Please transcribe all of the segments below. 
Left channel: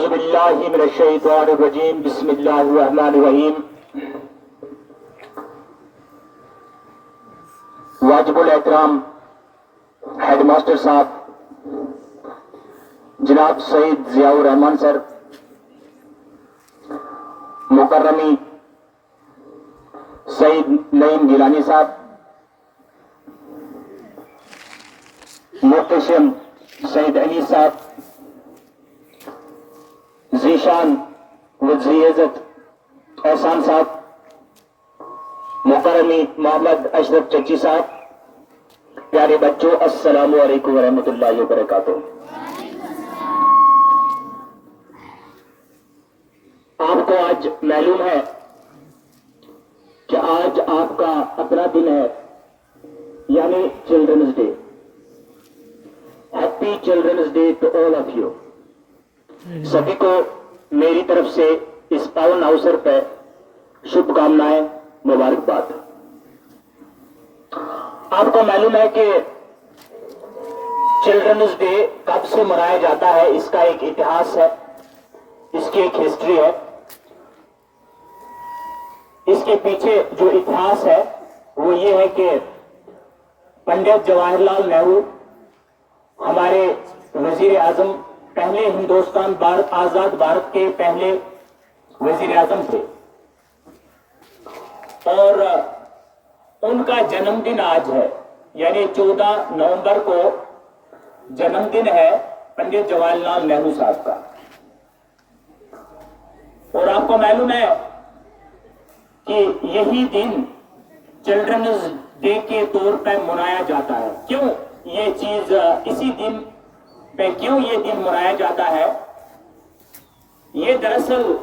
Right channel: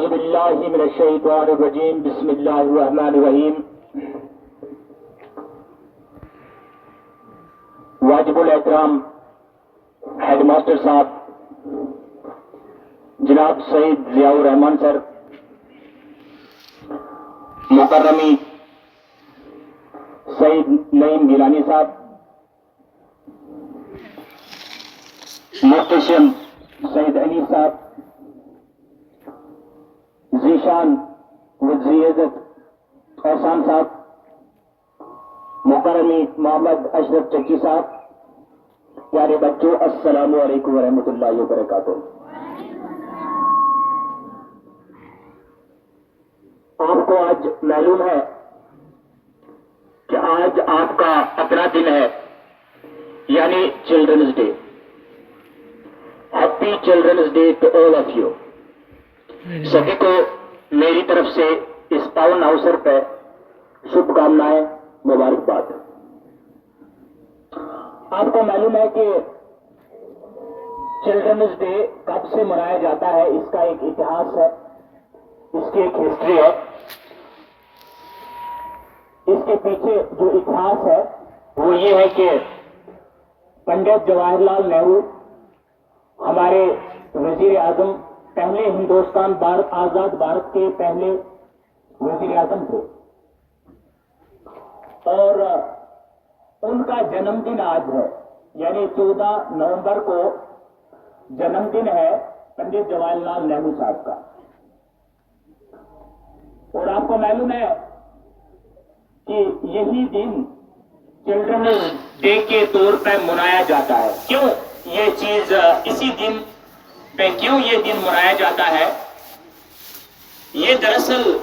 औज़ुबिल्लाहि मिनश्शैतानिर्रजीम बिस्मिल्लाहिर्रहमानिर्रहीम। वाजिबुल एहतराम हेडमास्टर साहब जनाब सईद जियाउर रहमान सर, मुकर्रमी सईद नईम गिलानी साहब, मोहतशम सईद अली साहब, जीशान वज़ीर इज़्ज़त एहसान साहब, मुकर्रमी मोहम्मद अशरफ चच्ची साहब, प्यारे बच्चों अस्सलामु अलैकुम वरहमतुल्लाहि वबरकातुहू। आपको आज मालूम है कि आज आपका अपना दिन है, यानी children's day. Happy children's day to all of you. सभी को मेरी तरफ से इस पावन अवसर पर शुभकामनाएं, मुबारकबाद। आपको मालूम है कि चिल्ड्रंस डे कब से मनाया जाता है, इसका एक इतिहास है, इसकी एक हिस्ट्री है। इसके पीछे जो इतिहास है वो ये है कि पंडित जवाहरलाल नेहरू हमारे वजीर आजम, पहले हिंदुस्तान भारत आजाद भारत के पहले वजीर आजम थे और उनका जन्मदिन आज है, यानी 14 नवंबर को जन्मदिन है पंडित जवाहरलाल नेहरू साहब का। और आपको मालूम है कि यही दिन चिल्ड्रंस डे के तौर पर मनाया जाता है। क्यों ये चीज इसी दिन पे क्यों ये दिन मनाया जाता है? ये दरअसल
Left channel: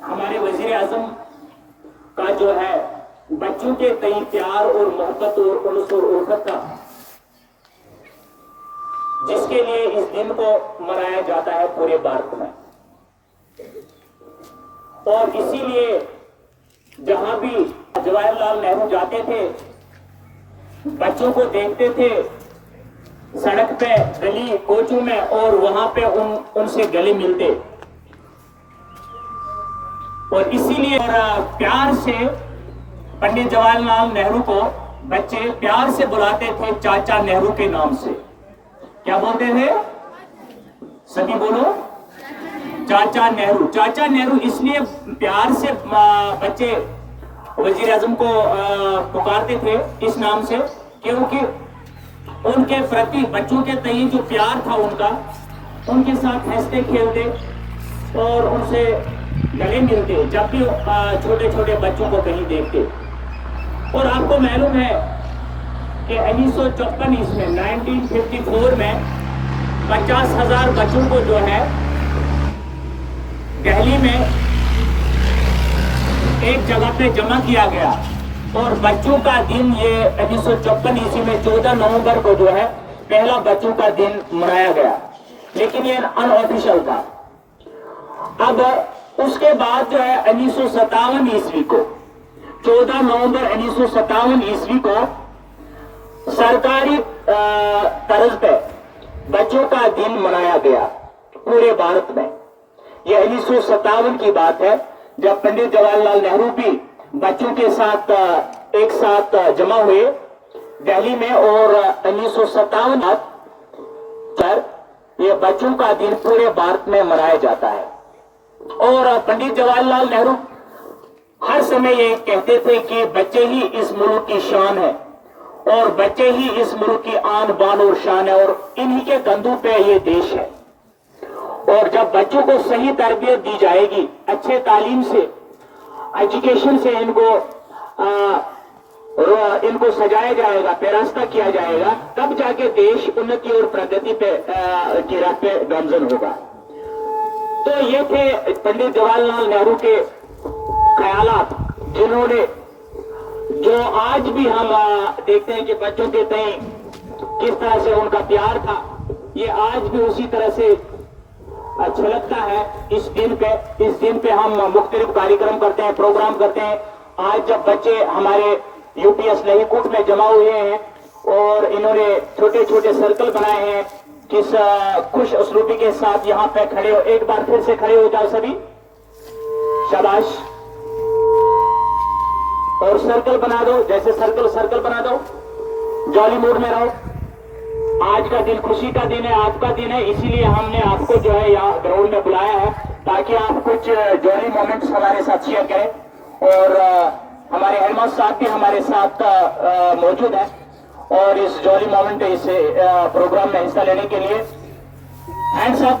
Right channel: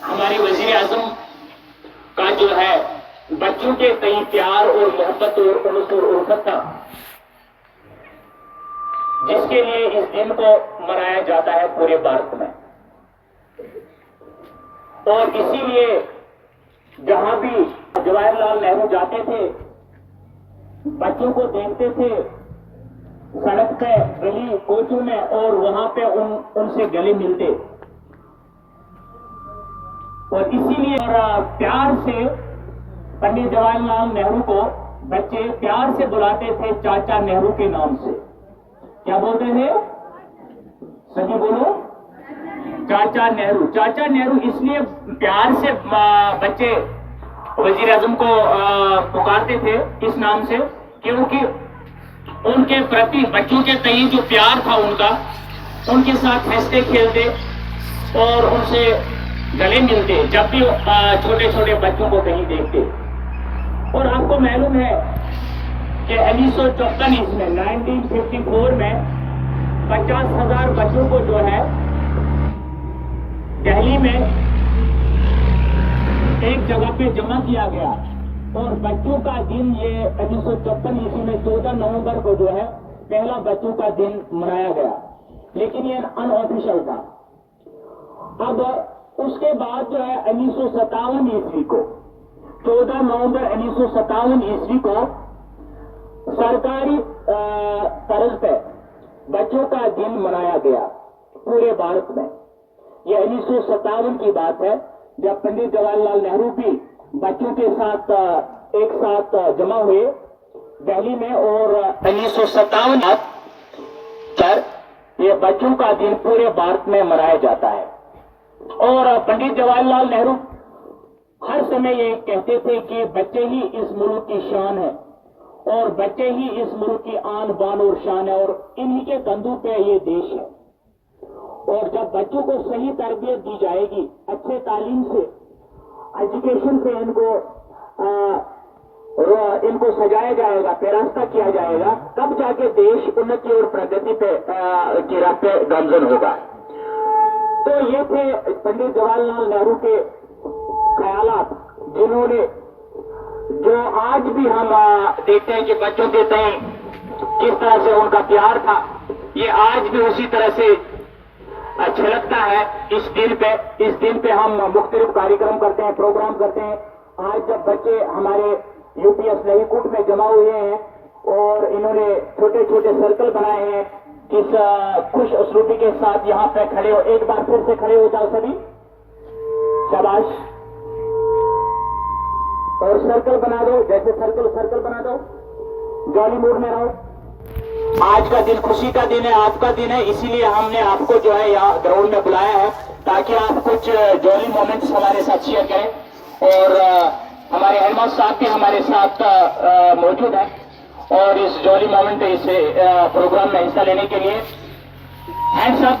हमारे वजीर आजम का जो है बच्चों के कई प्यार और मोहब्बत और उनस और उल्फत था, जिसके लिए इस दिन को मनाया जाता है पूरे भारत में। और इसीलिए जहां भी जवाहरलाल नेहरू जाते थे, बच्चों को देखते थे सड़क पे, गली कोचों में, और वहां पे उनसे गले मिलते। और इसीलिए और प्यार से पंडित जवाहरलाल नेहरू को बच्चे प्यार से बुलाते थे चाचा नेहरू के नाम से। क्या बोलते थे? सभी बोलो, चाचा नेहरू। चाचा नेहरू इसलिए प्यार से बच्चे वजीर आजम को पुकारते थे इस नाम से, क्योंकि उनके प्रति बच्चों के तय जो प्यार था उनका, उनके साथ हंसते खेलते और उनसे गले मिलते जब भी छोटे छोटे बच्चों को कहीं देखते। और आपको मालूम है कि 1954 ईस्वी में 1954 में 50,000 बच्चों को जो है दिल्ली में एक जगह पे जमा किया गया। और बच्चों का दिन ये 1954 ईस्वी में 14 नवंबर को जो है पहला बच्चों का दिन मनाया गया, लेकिन ये अनऑफिशियल था। अब उसके बाद जो है 1957 ईस्वी को 14 नवंबर 1957 ईस्वी को सरकारी तर्ज पे बच्चों का दिन मनाया गया पूरे भारत में। यह 1957 की बात है, जब पंडित जवाहरलाल नेहरू भी बच्चों के साथ एक साथ जमा हुए दिल्ली में। और 1957 पर यह बच्चों का दिन पूरे भारत में मनाया जाता है। और पंडित जवाहरलाल नेहरू हर समय ये कहते थे कि बच्चे ही इस मुल्क की शान है और बच्चे ही इस मुल्क की आन बान और शान है, और इन्हीं के कंधों पे ये देश है। और जब बच्चों को सही तरबियत दी जाएगी, अच्छे तालीम से, एजुकेशन से इनको सजाया जाएगा, पेरास्ता किया जाएगा, तब जाके देश उन्नति और प्रगति पे की राह पे गामजन होगा। तो ये थे पंडित जवाहरलाल नेहरू के ख्यालात, जिन्होंने जो आज भी हम देखते हैं कि बच्चों के तय किस तरह से उनका प्यार था, ये आज भी उसी तरह से छलकता है। इस दिन पे हम मुख्तलिफ कार्यक्रम करते हैं, प्रोग्राम करते हैं। आज जब बच्चे हमारे यूपीएस लहीकुट में जमा हुए हैं और इन्होंने छोटे छोटे सर्कल बनाए हैं किस खुश उसलूबी के साथ यहाँ पे खड़े हो। एक बार फिर से खड़े हो जाओ सभी, शाबाश। और सर्कल बना दो, जैसे सर्कल बना दो, जॉली मूड में रहो। आज का दिन खुशी का दिन है, आपका दिन है, इसीलिए हमने आपको जो है यहाँ ग्राउंड में बुलाया है ताकि आप कुछ जॉली मोमेंट्स हमारे साथ शेयर करें। और हमारे हेडमास्टर साहब भी हमारे साथ मौजूद है और इस जॉली मोमेंट इस प्रोग्राम में हिस्सा लेने के लिए हैंड्स अप।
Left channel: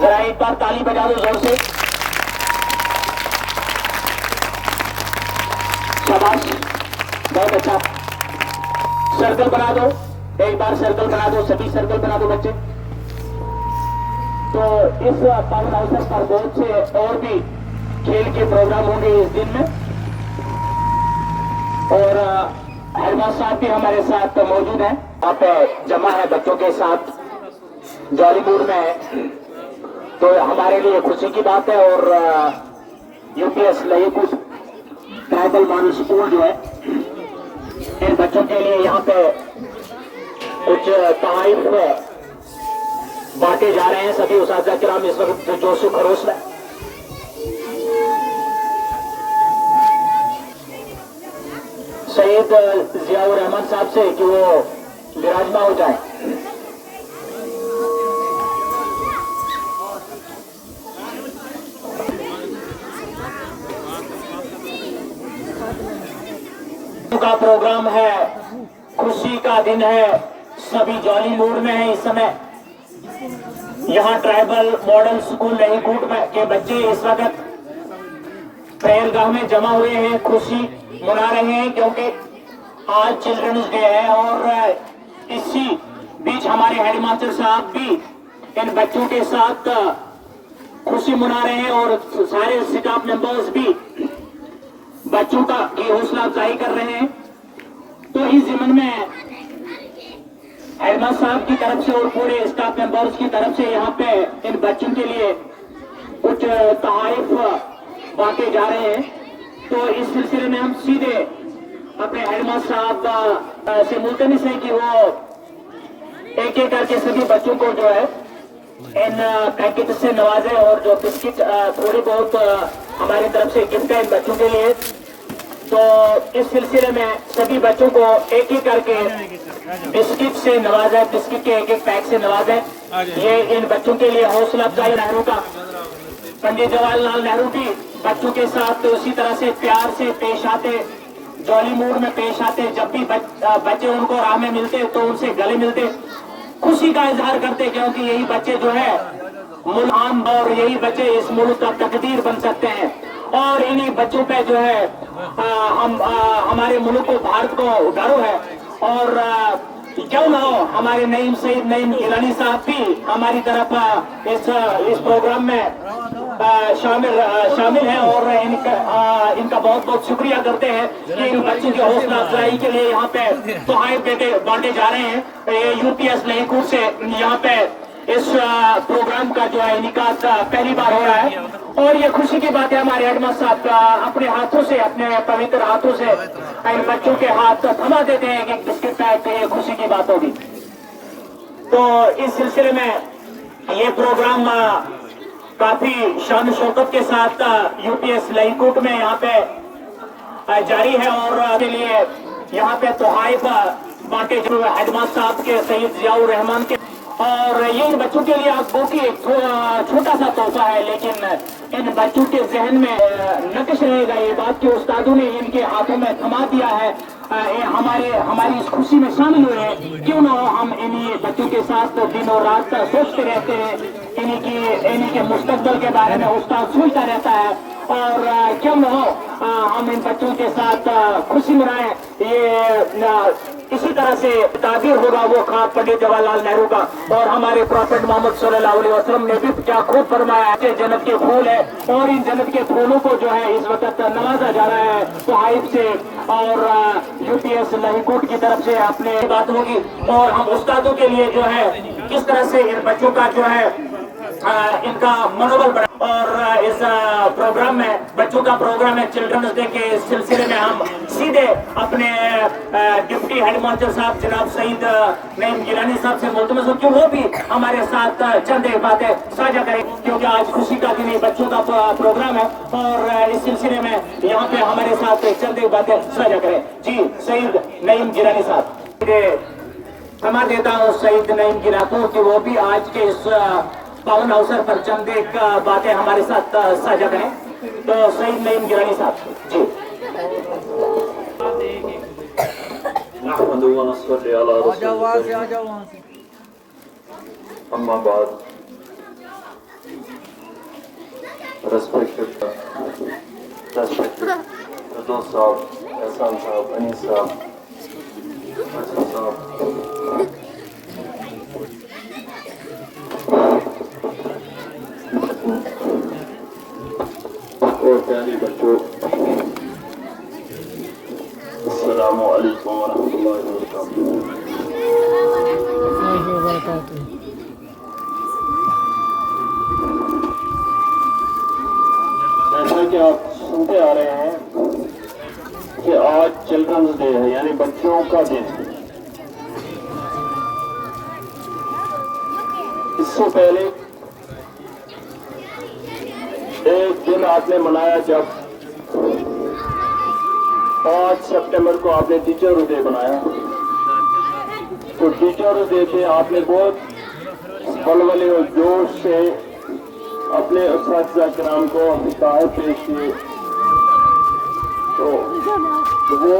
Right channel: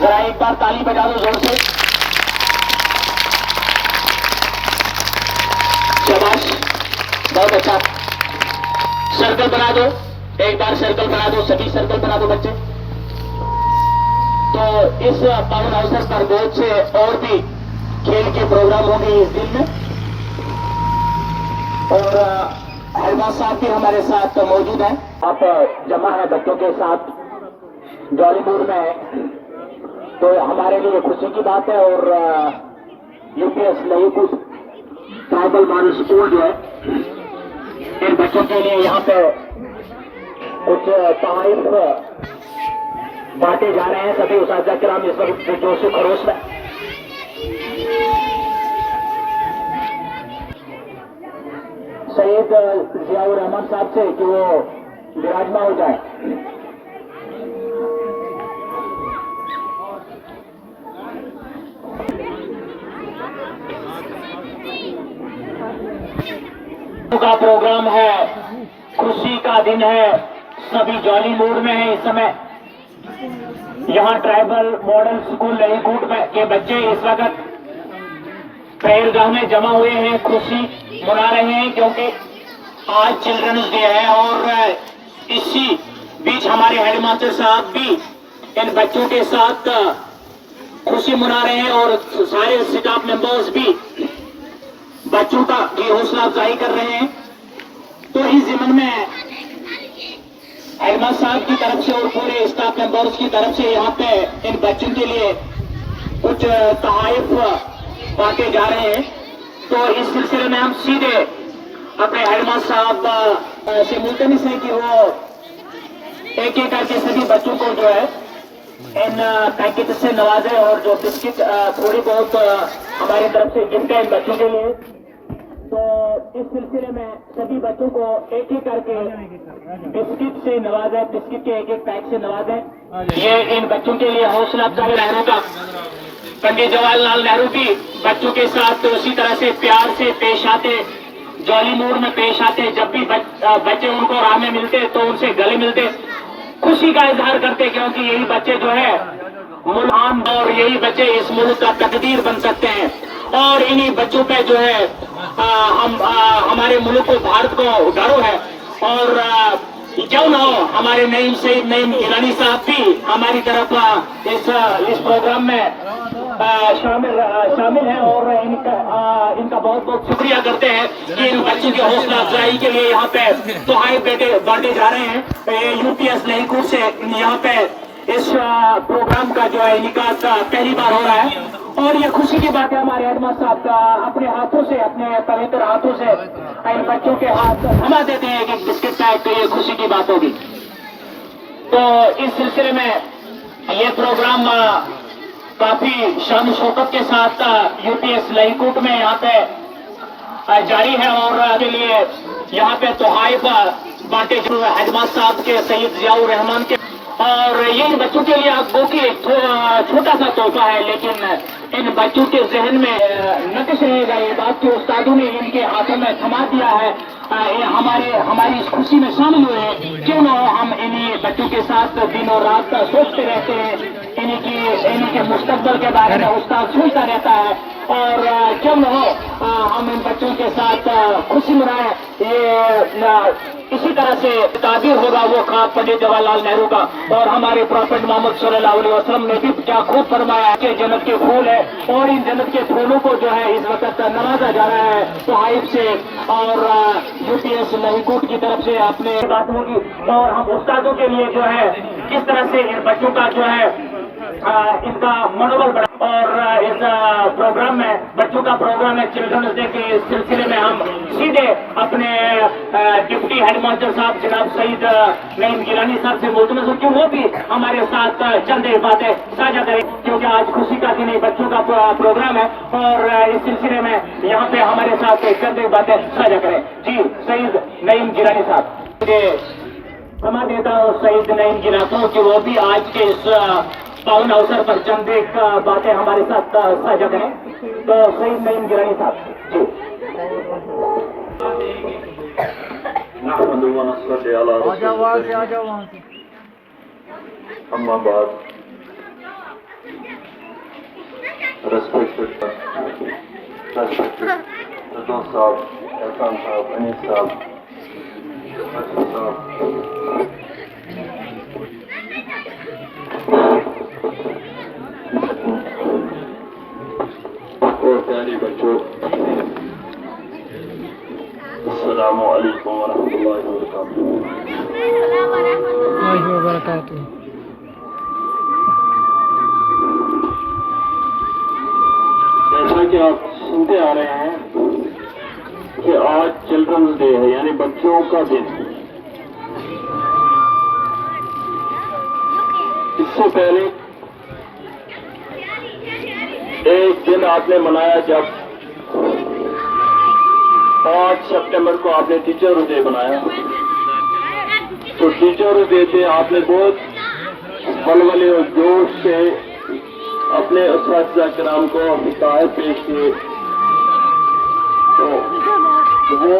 जरा एक बार ताली बजा दो जोर से, शाबाश, बहुत अच्छा। सर्कल बना दो, एक बार सर्कल बना दो, सभी सर्कल बना दो बच्चे। तो इस पावन अवसर पर बहुत से और भी खेल के प्रोग्राम होंगे इस दिन में और हरमास साहब भी हमारे साथ मौजूद हैं। आप जमा है बच्चों के साथ जॉली मूड में है, तो हमारे लिए खुशी की बात है। और यूपीएस लईकुट ट्राइबल मॉडल स्कूल जो है, इन बच्चों के लिए यहाँ पे कुछ तहरीफ बांटे जा रहे हैं। सभी उस्ताद किराम इस वक्त जोशो खरोश में। सैयद जियाउर रहमान साहब से कि वो विराजमान हो जाए। का प्रोग्राम है, खुशी का दिन है, सभी जॉली मूड में है इस समय। यहाँ ट्राइबल मॉडल स्कूल लईकुट में के बच्चे इस वक्त प्रेयरगाह में जमा हुए हैं, खुशी मना रहे हैं क्योंकि आज चिल्ड्रंस डे है। और इसी बीच हमारे हेडमास्टर साहब भी इन बच्चों के साथ खुशी मना रहे हैं और सारे स्टाफ मेंबर्स भी बच्चों का ये हौसला अफजाई कर रहे हैं। तो इस जिम्मन में हेडमास्टर साहब की तरफ से और पूरे स्टाफ मेंबर्स की तरफ से यहाँ पे इन बच्चों के लिए कुछ तोहफे बांटे जा रहे हैं। तो इस सिलसिले में हम सीधे अपने हेडमास्टर साहब से मुल्तमिस है कि वो एक एक करके सभी बच्चों को जो है इन पैकेट से नवाजे और जो बिस्किट थोड़ी बहुत हमारी तरफ से गिफ्ट है इन बच्चों के लिए। तो इस सिलसिले में सभी बच्चों को एक एक करके बिस्किट से नवाजा, बिस्किट के एक एक पैक से नवाजे। ये इन बच्चों के लिए हौसला अफजाई नेहरू का, पंडित जवाहरलाल नेहरू भी बच्चों के साथ तो उसी तरह से प्यार से पेश आते, जॉली मूड में पेश आते। जब भी बच्चे उनको राह में मिलते तो उनसे गले मिलते, खुशी का इजहार करते क्योंकि यही बच्चे जो है मुल्क और यही बच्चे इस मुल्क का तकदीर बन सकते हैं। और इन्हीं बच्चों पे जो है हम हमारे मुल्क को, भारत को गर्व है। और क्यों ना हो हमारे नईम सईद नईम ईरानी साहब भी हमारी तरफ इस प्रोग्राम में शामिल है और इनका बहुत बहुत शुक्रिया करते हैं कि इन बच्चों की हौसला अफजाई के लिए यहाँ पे तोहफे बेटे बांटे जा रहे हैं। यूपीएस लईकुट से यहाँ पे इस प्रोग्राम का जो है इनिकाद पहली बार हो रहा है और ये खुशी की बात है। हमारे हेडमास्टर साहब अपने हाथों से, अपने पवित्र हाथों से इन बच्चों के हाथ थमा देते हैं कि बिस्किट पैक, ये खुशी की बात होगी। तो इस सिलसिले में ये प्रोग्राम काफी शान शौकत के साथ यूपीएस लईकुट में यहाँ पे जारी है और के लिए यहाँ पे तोहफे बांटे जो हेडमास्टर साहब के सैयद जियाउर रहमान के। और ये इन बच्चों के लिए आपको कि छोटा सा तोहफा है, लेकिन इन बच्चों के जहन में नक्श रहेगा ये बात कि उस्तादों ने इनके हाथों में थमा दिया है। हमारी इस खुशी में शामिल हुए हैं। क्यों ना हो हम इन्हीं बच्चों के साथ दिन और रात सोचते रहते हैं, इन्हीं के मुस्तकबिल के बारे में उस्ताद सोचता रहता है। और क्यों न हो हम इन बच्चों के साथ खुशी मनाएं। ये इसी तरह से ताबीर होगा वो ख्वाब पंडित जवाहरलाल नेहरू का। और हमारे प्रॉफेट मोहम्मद सल्लल्लाहु अलैहि वसल्लम ने भी क्या खूब फरमाया कि जन्नत के फूल है और इन जन्नत के फूलों को जो है इस वक्त नवाजा जा रहा है तोहफे से। और यूपीएस लईकुट की तरफ से आपने बात होगी और हम उस्तादों के लिए जो है किस तरह से इन बच्चों का जो है इनका मनोबल बढ़े। और इस प्रोग्राम में, बच्चों का प्रोग्राम है चिल्ड्रंस डे के सिलसिले में, हम सीधे अपने डिप्टी हेड मास्टर साहब जनाब सईद नईम गिलानी साहब से बोलते हैं कि वो भी हमारे साथ चंद एक बातें साझा करें, क्योंकि आज खुशी का दिन है, बच्चों का प्रोग्राम है और इस सिलसिले में यहाँ पे हमारे साथ चंद एक बातें साझा करें। जी सईद नईम गिलानी साहब, समा देता हूँ सईद नईम गिला को कि वो भी आज के इस पावन अवसर पर चंद एक बातें हमारे साथ साझा करें। तो सईद नईम गिलानी साहब जी। Respected दोस्त साहब, एहसान साहब, अनीस साहब, बच्चों साहब, और प्यारे बच्चों, अस्सलामु अलैकुम वरहमतुल्लाहि वबरकातुहू। जैसा कि आप सुनते आ रहे हैं कि आज चिल्ड्रंस डे है, यानी बच्चों का दिन। इससे पहले एक दिन आपने मनाया जब 5 सितंबर को आपने टीचर डे बनाया। तो टीचर डे पे आपने बहुत बलबले और जोश से अपने उस्ताद कराम को अपनी तारीफ पेश किए। तो वो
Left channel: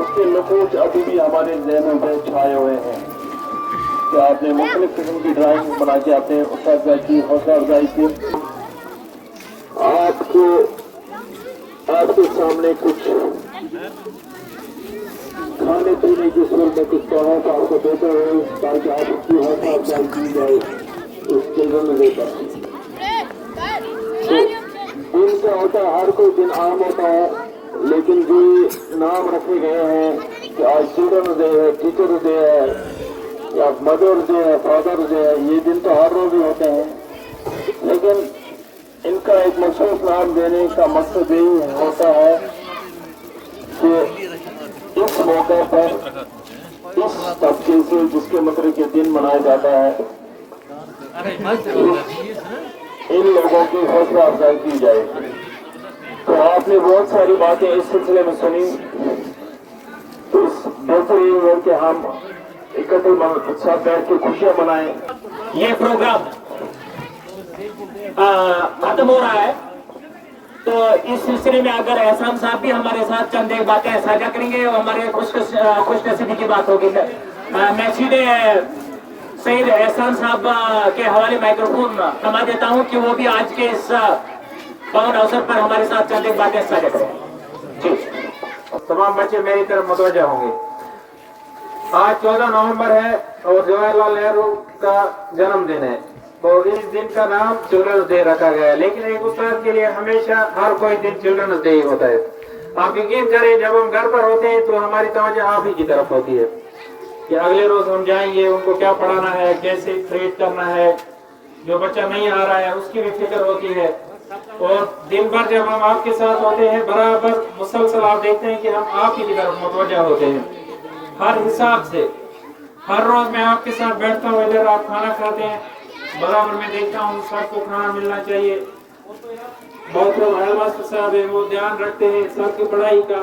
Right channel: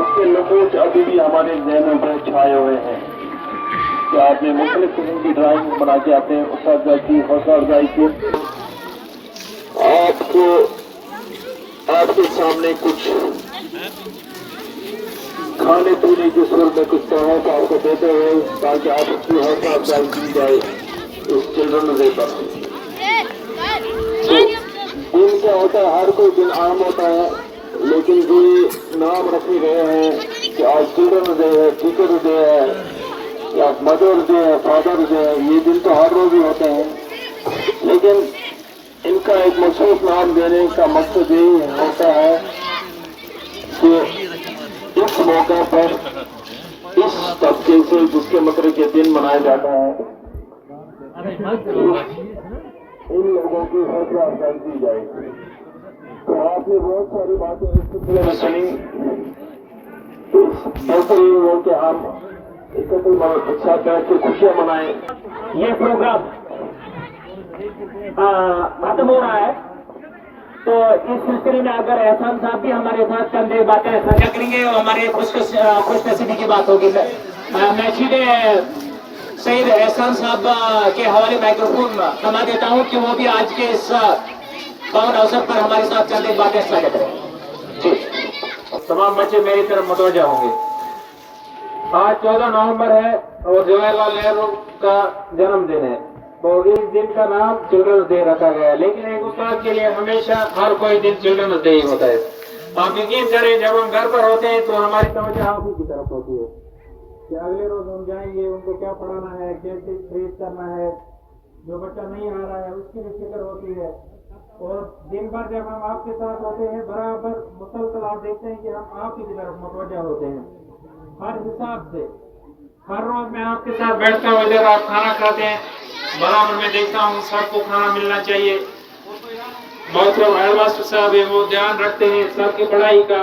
उसके नकूश अभी भी हमारे ज़हनों पर छाए हुए हैं कि आपने मुख्तलिफ किस्म की ड्राइंग बना के अपने उस्ताद की हौसला अफजाई की। आपके सामने कुछ खाने पीने की सूरत में कुछ तोहफा तो आपको देते हुए, ताकि आपकी हौसला अफजाई की जाए इस चिल्ड्रन डे पर। दिन क्या होता है, हर कोई दिन आम होता है, लेकिन जो नाम रखे गए हैं कि आज चिल्ड्रन डे है, टीचर डे है, या मदर डे है, फादर डे है, ये दिन तो हर रोज ही होते हैं। लेकिन इनका एक मखसूस नाम देने का मकसद यही होता है कि इस मौका पर इस तबके से जिसके मकरे के दिन मनाया जाता है, इन लोगों की हौसला अफजाई की जाए। तो आपने बहुत सारी बातें इस सिलसिले में सुनी। इस बेहतरीन हो कि हम इकट्ठे साथ बैठ के खुशियां मनाएं। ये प्रोग्राम खत्म हो रहा है, तो इस सिलसिले में अगर एहसान साहब भी हमारे साथ चंद एक बातें साझा करेंगे और हमारे खुशनसीबी की बात होगी। मैं सीधे सईद एहसान साहब के हवाले माइक्रोफोन थमा देता हूं कि वो भी आज के इस पावन अवसर पर हमारे साथ चंद एक बातें साझा करें। जी तमाम बच्चे मेरी तरफ मुतवज्जा होंगे। आज 14 नवंबर है और जवाहरलाल नेहरू का जन्मदिन है, तो इस दिन का नाम चिल्ड्रंस डे रखा गया है। लेकिन एक उस्ताद के लिए हमेशा हर कोई दिन चिल्ड्रंस डे ही होता है। आप यकीन करें, जब हम घर पर होते हैं तो हमारी तवज्जो आप ही की तरफ होती है कि अगले रोज हम जाएंगे, उनको क्या पढ़ाना है, कैसे ट्रीट करना है। जो बच्चा नहीं आ रहा है उसकी भी फिक्र होती है। और दिन भर जब हम आपके साथ होते हैं, बराबर मुसलसल आप देखते हैं कि हम आप ही की तरफ मुतवज्जा होते हैं हर हिसाब से। हर रोज मैं आपके साथ बैठकर वजह आप खाना खाते हैं, बराबर मैं देखता हूँ सबको खाना मिलना चाहिए। बहुत लोग मास्टर साहब है वो ध्यान रखते हैं सबकी पढ़ाई का,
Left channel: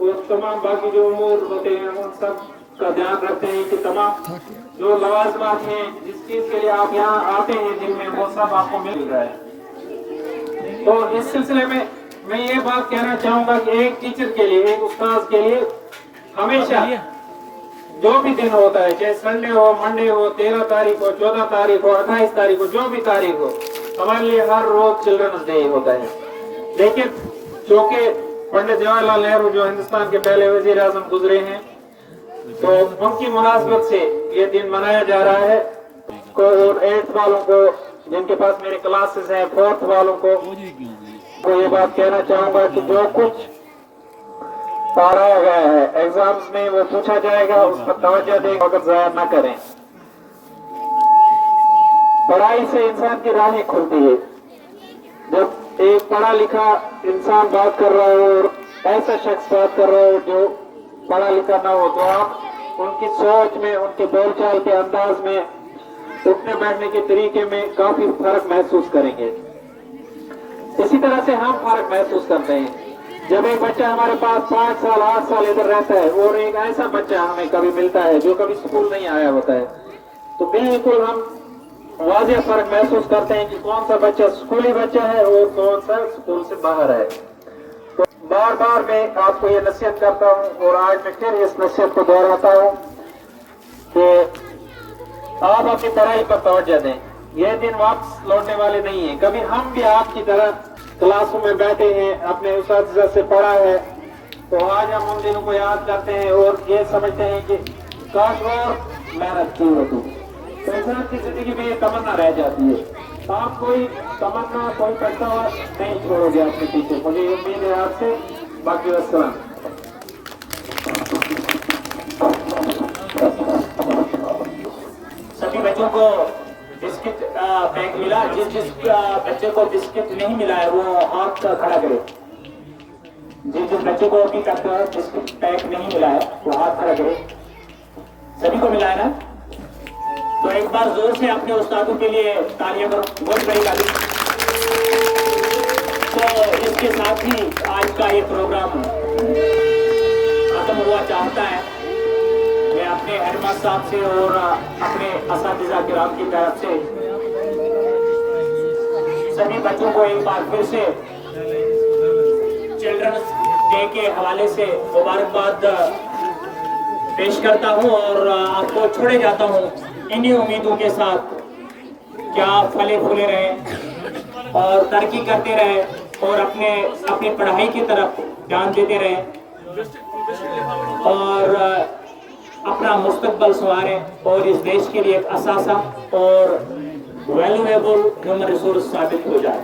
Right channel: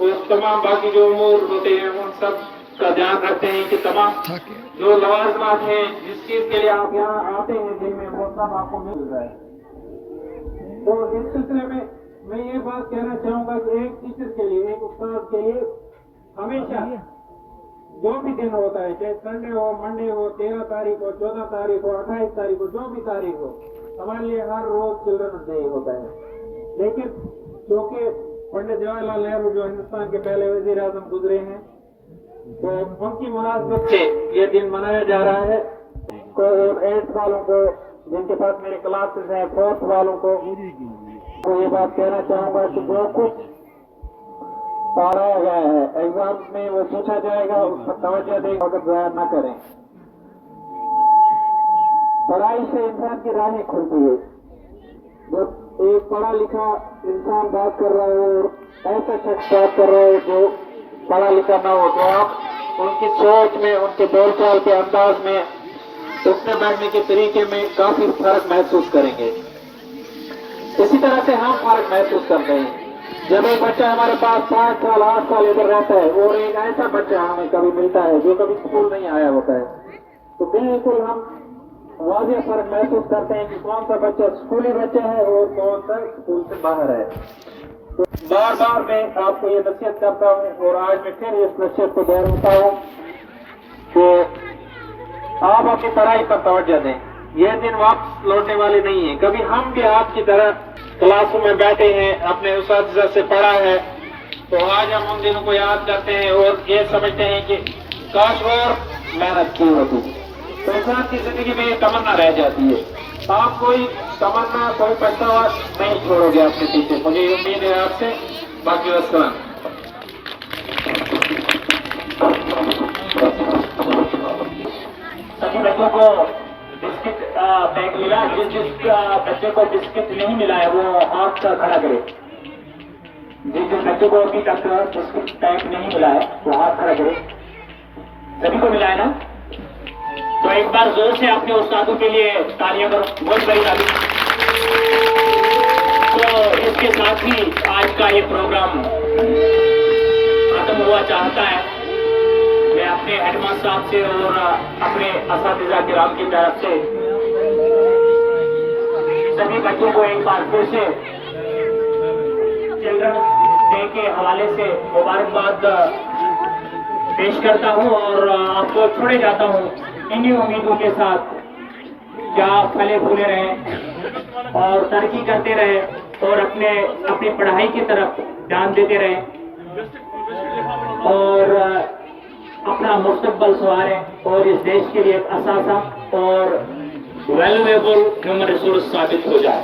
और तमाम बाकी जो उमूर होते हैं उन सब का ध्यान रखते हैं कि तमाम जो लवाजमात हैं जिस चीज के लिए आप यहाँ आते हैं दिन में, वो सब आपको मिल रहा है। तो इस सिलसिले में मैं ये बात कहना चाहूंगा कि एक टीचर के लिए, एक उस्ताद के लिए हमेशा जो भी दिन होता है, चाहे संडे हो, मंडे हो, 13 तारीख हो, 14 तारीख हो, 28 तारीख हो, जो भी तारीख हो, हमारे लिए हर रोज चिल्ड्रंस डे होता है। लेकिन चूंकि पंडित जवाहरलाल नेहरू जो हिंदुस्तान के पहले वजीर आजम गुजरे हैं, तो उनकी मुनासबत से ये दिन मनाया जा रहा है। और 8th वालों को, जिनके पास मेरे क्लासेस हैं, 4th वालों को ये बात कहना चाहूंगा कि जो कुछ पढ़ाया गया है एग्जाम्स में वो पूछा जाएगा, उस पर तवज्जो दें, अगर ज़ाया न करें। पढ़ाई से इंसान की राहें खुलती है। जब एक पढ़ा लिखा इंसान बात कर रहा हो और ऐसा शख्स बात कर रहा हो जो पढ़ा लिखा ना हो, तो आप उनकी सोच में, उनके बोलचाल के अंदाज में, उठने बैठने के तरीके में काफी फर्क महसूस करेंगे। इसी तरह से हम फर्क महसूस करते हैं जब एक बच्चा हमारे पास 5 साल 8 साल इधर रहता है और एक ऐसा बच्चा हमें कभी मिलता है जो कभी स्कूल नहीं आया होता है, तो बिल्कुल हम वाज़ेह फर्क महसूस करते हैं कि कौन सा बच्चा स्कूली बच्चा है और कौन सा स्कूल से बाहर है। तो बार बार मैं आपको ये नसीहत करता हूँ और आज मैं फिर इस नसीहत को दोहराता हूँ कि आप अपनी पढ़ाई पर तवज्जो दें। यह दिन वापस लौटने वाले नहीं है। कभी हम भी आपकी तरह क्लासरूम में बैठे हैं, अपने उस्ताद से पढ़ा है, तो आज हम उन दिनों को याद करते हैं और ये समझते हैं कि काश और मेहनत की होती, तो इंसान की जिंदगी में एक तमन्ना रह जाती है। आप कोई तमन्ना, कोई पछतावा नहीं छोड़ोगे अपने पीछे, मुझे उम्मीद है आपसे। बाकी वस्सलाम। सभी बच्चों को बिस्किट पैक मिला। जिस बच्चे को बिस्किट नहीं मिला है वो हाथ खड़ा करे। जिस बच्चे को अभी तक बिस्किट पैक नहीं मिला है वो हाथ खड़ा करे। सभी को मिला है ना? तो एक बार जोर से अपने उस्तादों के लिए तालियां करो, बहुत बड़ी ताली। तो इसके साथ ही आज का ये प्रोग्राम खत्म हुआ चाहता है। मैं अपने हेडमास्टर साहब से और अपने असातिज़ा किराम की तरफ से सभी बच्चों को एक बार फिर से चिल्ड्रंस डे के हवाले से मुबारकबाद पेश करता हूं और आपको छोड़े जाता हूं इन्हीं उम्मीदों के साथ कि आप फले फूले रहें और तरक्की करते रहें और अपनी पढ़ाई की तरफ ध्यान देते रहें और अपना मुस्तकबल संवारें और इस देश के लिए एक असासा और वैल्यूएबल ह्यूमन रिसोर्स साबित हो जाए।